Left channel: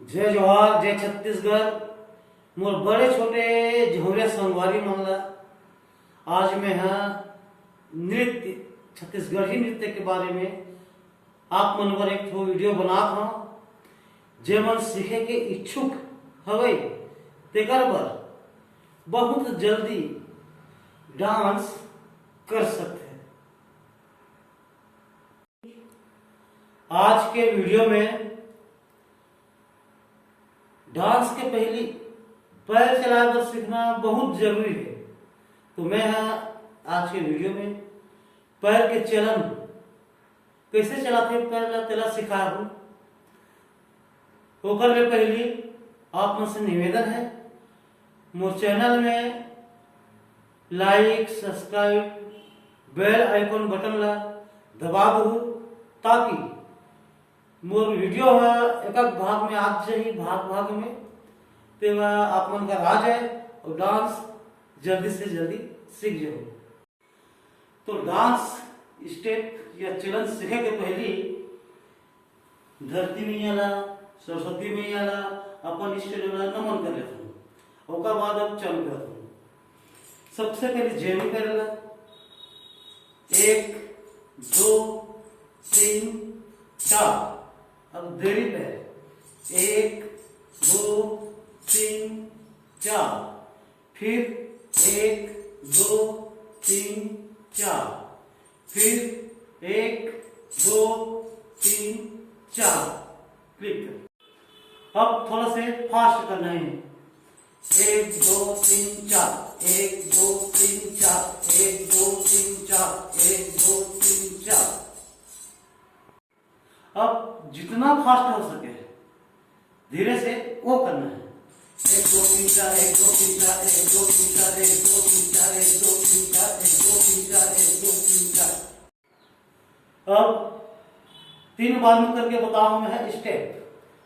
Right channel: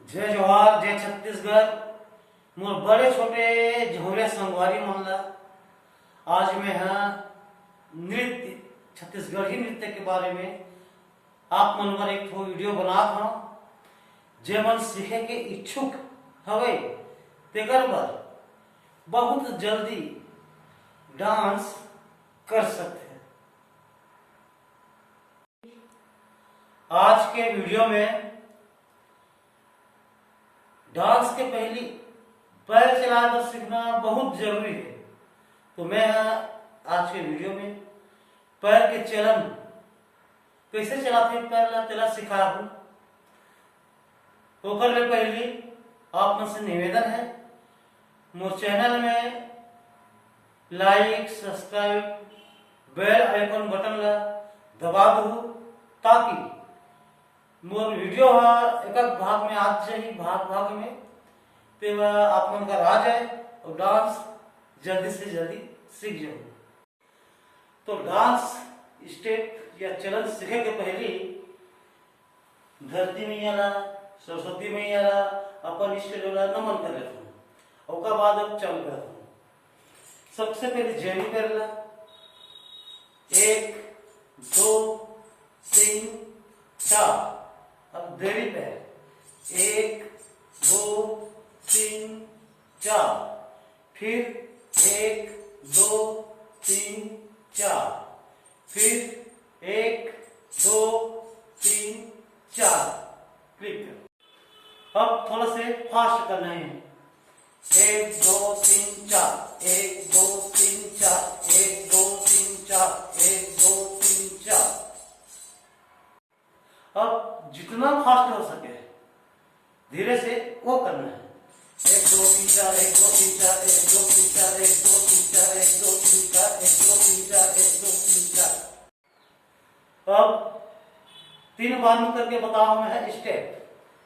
जय जोहार जय छत्तीसगढ़। मोर बड़े छोटे झोरिया संगवारी मामला आज मैं नृत्य छत्तीसगढ़ी नृत्य के बारे में आप मन पर एक वीडियो बनात हूं। जे मन सीखे के इच्छुक हवे तेकर बर बहुत जल्दी डांस कर सकते हैं। आज के वीडियो में डांस के पहली पैर चलाकर सीखना बहुत जरूरी है। तो मैं आज के वीडियो में पैर के चलन कैसे चलाते पैर तेला सिखा हूं। तो में पहली आप मन से निवेदन है, मोर चैनल में like subscribe bell icon button ला दबा दो ताकि मोर वीडियो एक भाग में आज जाए भाग में तेवा आप मन का आ जाए और डांस जल्दी से जल्दी सीख जाओ। तो डांस स्टेप या चलन सीखे के पहले धरती मैया ला सरस्वती मैया ला अपन इष्ट ला नमन कर लेता हूँ। ओकर बाद अब चल करता हूँ। सबसे पहले जेमी कर ला 1 2 3 4। अब देरी पे 1 2 3 4, फिर 1 2 3 4, फिर 1 2 3 4। अब थोड़ा से फास्ट करना है। 1 2 3 4, 1 2 3 4, 1 2 3 4, 1 2 3 4। अब जितना फास्ट हो सके धीरे से वो करना है। 1 2 3 4, 1 2 3 4, 1 2 3 4, 1 2 3 4, 1 2 3 4, 1 2 3 4, 1 2 3 4। अब 3 बार में करके बताऊं मैं स्टेप।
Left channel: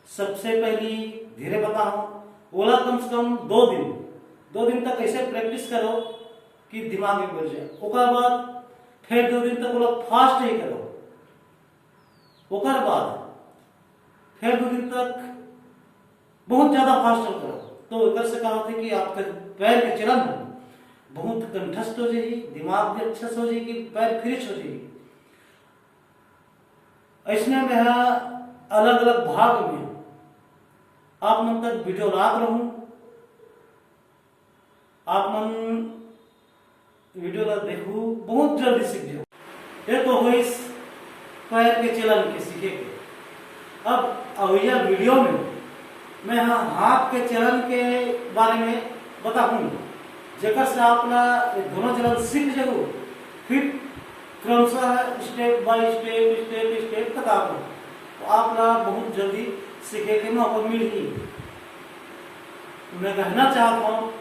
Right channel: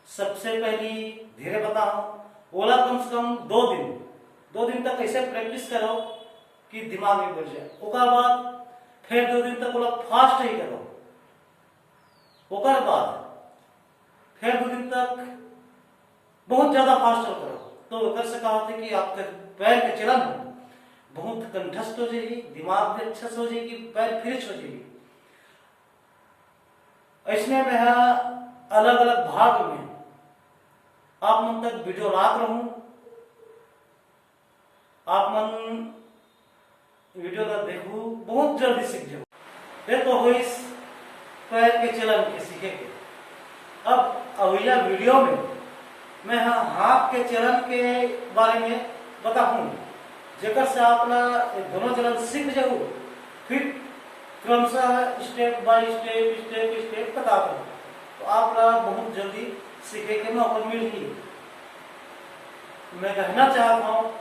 सबसे पहली धीरे बताऊं, ओला कम से कम 2 दिन तक ऐसे प्रैक्टिस करो कि दिमाग में बैठ जाए। ओकर बाद फिर 2 दिन तक ओला फास्ट ही करो। ओकर बाद फिर 2 दिन तक बहुत ज्यादा फास्ट करो। तो एकर से कहा होता है कि आपके पैर के चलन बहुत कंठस्थ हो जाएगी, दिमाग भी अच्छा से हो जाएगी, पैर फ्रेश हो जाएगी। ऐसने में अलग अलग भाग में आप मन तक वीडियो लात रहूं। आप मन वीडियो ला देखू बहुत जल्दी सीख जाओ। ये तो हुई पैर के चलन के सीखे के। अब अगला वीडियो में मैं हाथ के चलन के बारे में बताऊं, जेकर से आप दोनों चलन सीख जाओ। फिर क्रमशः स्टेप बाय स्टेप तक आप तो आप बहुत जल्दी सीखे के मौका मिलेगी। मैं कहना चाहता हूँ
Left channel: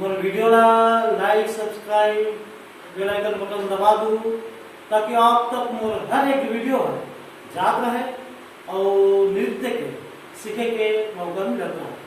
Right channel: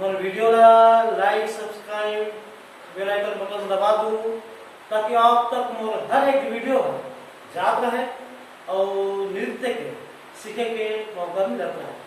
मोर वीडियो ला like subscribe bell icon button दबा दो ताकि आप तक मोर हर एक वीडियो जात रहे और नृत्य के सीखे के मौका मिलता है।